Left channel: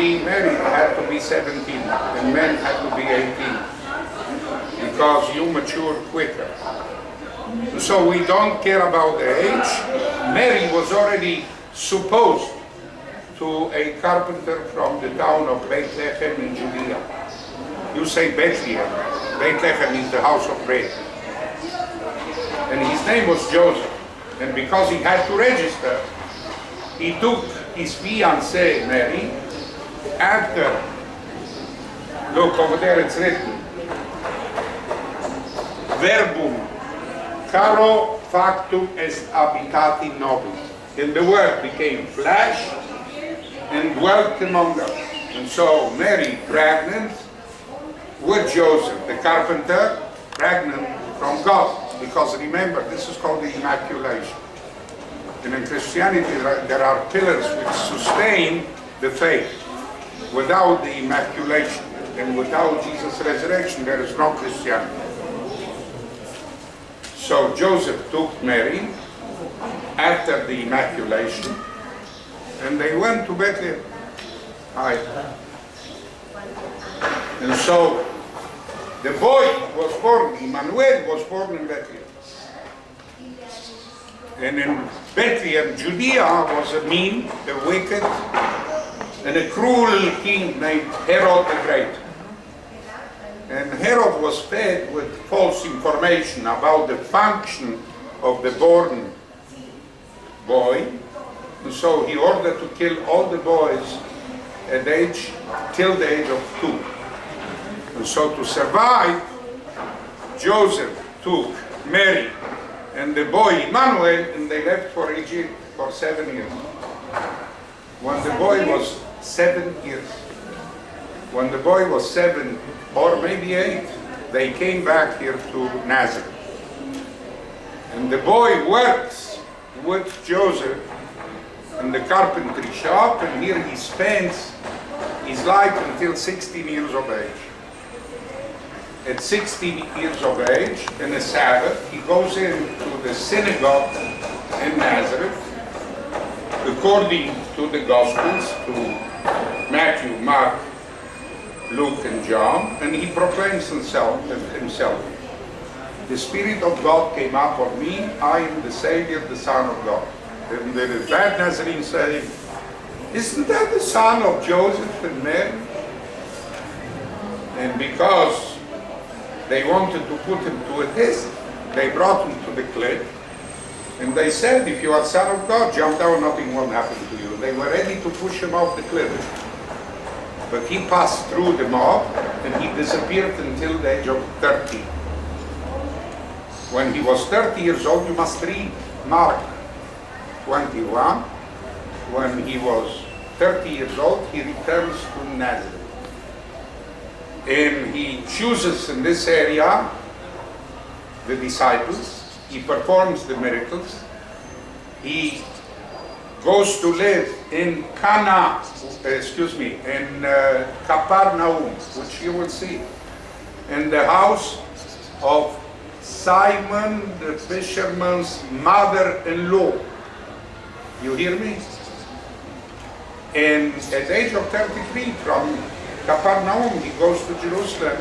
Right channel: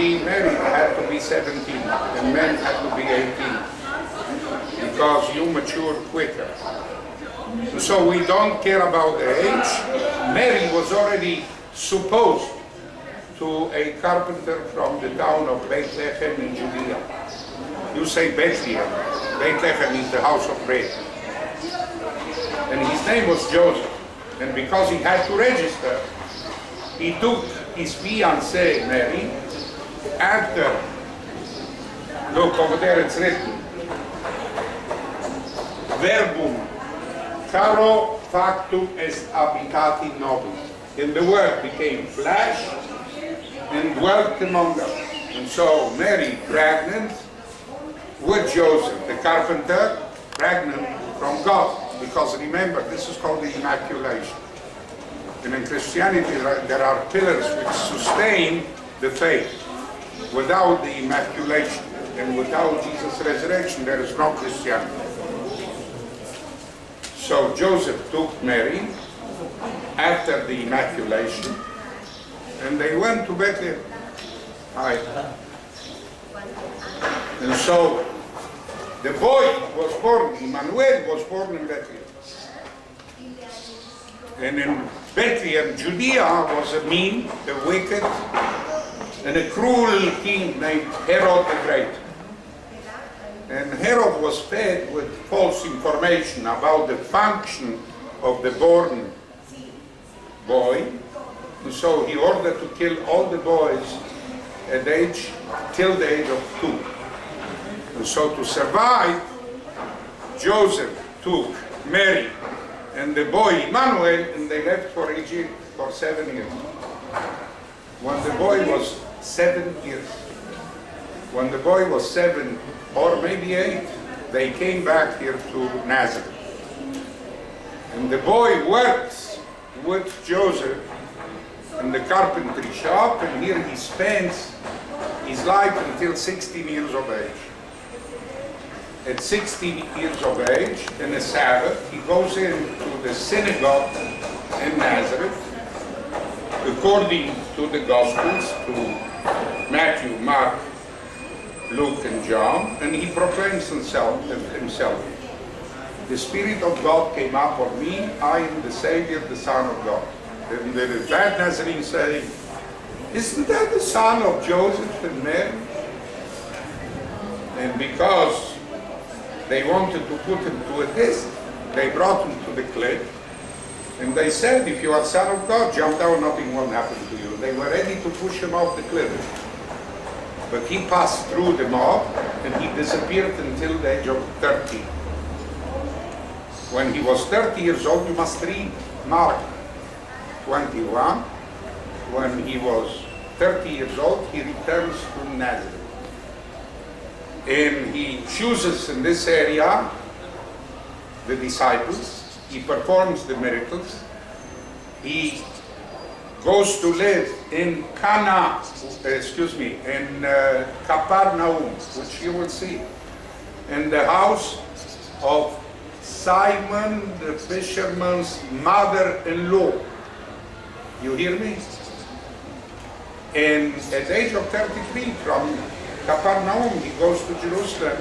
be married had to be 17 and men had to be 18 because you mature quicker. So we don't care about the age. Mary was already supposed to a carpenter from the town of Bethlehem in Judea. You say Bethlehem. Bethlehem is the house of bread. And his name was Joseph. And because he had to register, he took his fiancée Mary after, look over there it's written, verbum caro factum est habitati nobis. And the word became flesh and dwelt among us. And so Mary, pregnant with Joseph, the carpenter, pregnant from God. Because remember, this is called the Immaculation. And in Christianity, there are pillars which sustain the faith. Without the Immaculation and without Jesus' resurrection, there is no Christianity. So Joseph took Mary after the Immaculation, and they went to Bethlehem. And so the boy was born, Emmanuel was born in Bethlehem. And in Bethlehem, Judea was a mean, a wicked, and a cruel king named Herod the Great. And Herod was fed with false information about the function of the born boy. And so he ordered to kill all the boys at till the age of 2. And so to survive, Joseph took Mary and the boy Emmanuel, and they left for Egypt for 7 years. When the boy was 7 years, when the boy was 7 or maybe 8, they came back here to Nazareth. And the boy works with Joseph in the carpentry shop, and here he spends his life until 16 years of age. At 16 years of age, in a Sabbath, he goes into the synagogue in Nazareth, according to the Gospels, to Matthew, Mark, Luke, and John, and he proclaims himself. The Spirit of God came up on me, I am the Savior, the Son of God. And the bad Nazarene say, isn't that the son of Joseph and Mary? And because they wanted to put him to a test, they brought him to the cliff, and they said, if you are Son of God, jump down, nothing will happen to you. They were ready to push him off the cliff. But he passed through the mob, and he disappeared until the age of 30. When he was 30 years old, you must read Mark 21. When he was 30 years old, he returns to Nazareth. And he chooses in this area the disciples. He performs the miracles. He goes to live in Capernaum, which you will see, in the house of Simon the fisherman's mother-in-law. You hear me? And at the age of 33, from Capernaum, he goes to Jerusalem,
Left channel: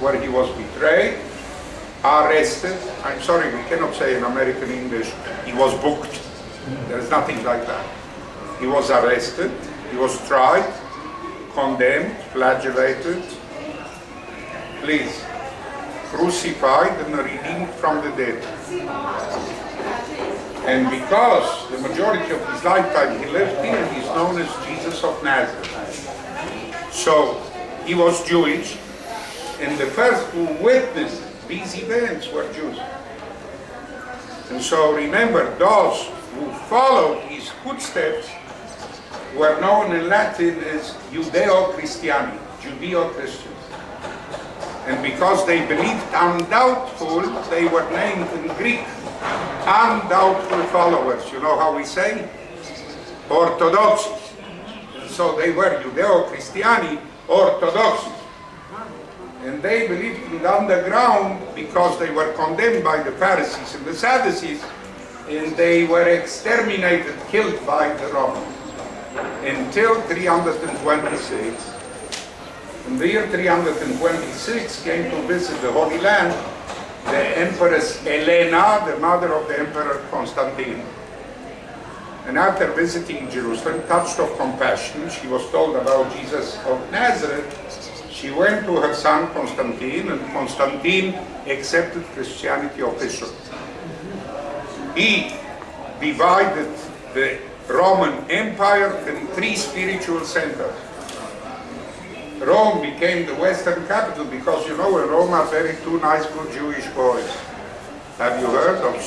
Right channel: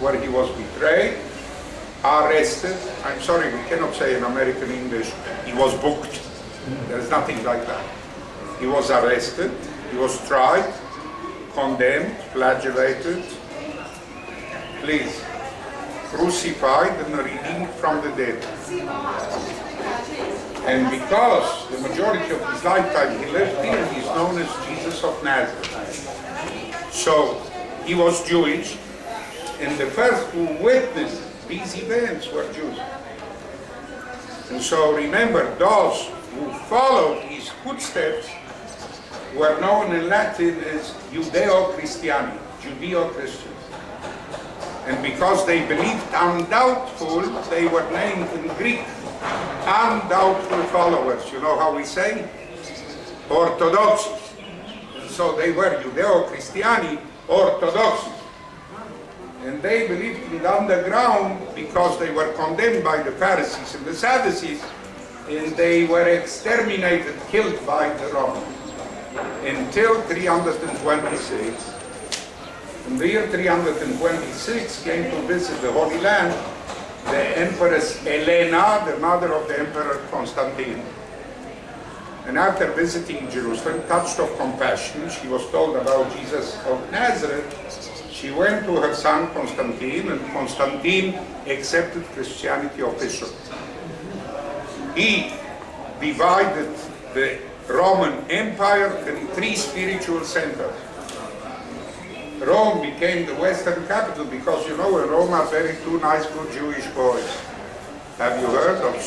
where he was betrayed, arrested. I'm sorry, we cannot say in American English, he was booked. There's nothing like that. He was arrested, he was tried, condemned, flagellated, crucified and redeemed from the dead. And because the majority of his lifetime he lived here, he's known as Jesus of Nazareth. So he was Jewish, and the first who witnessed these events were Jews. And so remember, those who followed his footsteps were known in Latin as Judeo-Christiani, Judeo-Christians. And because they believed undoubtful, they were named in Greek undoubtful followers. You know how we say? Orthodox. So they were Judeo-Christiani, Orthodox. And they believed in the underground because they were condemned by the Pharisees and the Sadducees, and they were exterminated, killed by the Romans. until 326. In the year 326 came to visit the Holy Land the Empress Helena, the mother of the Emperor Constantine. And after visiting Jerusalem, touched of compassion, she was told about Jesus of Nazareth. She went to her son Constantine, and Constantine accepted Christianity officially. He divided the Roman Empire in 3 spiritual centers. Rome became the Western capital because, you know, in Rome are very 2 nice good Jewish boys. Have you heard of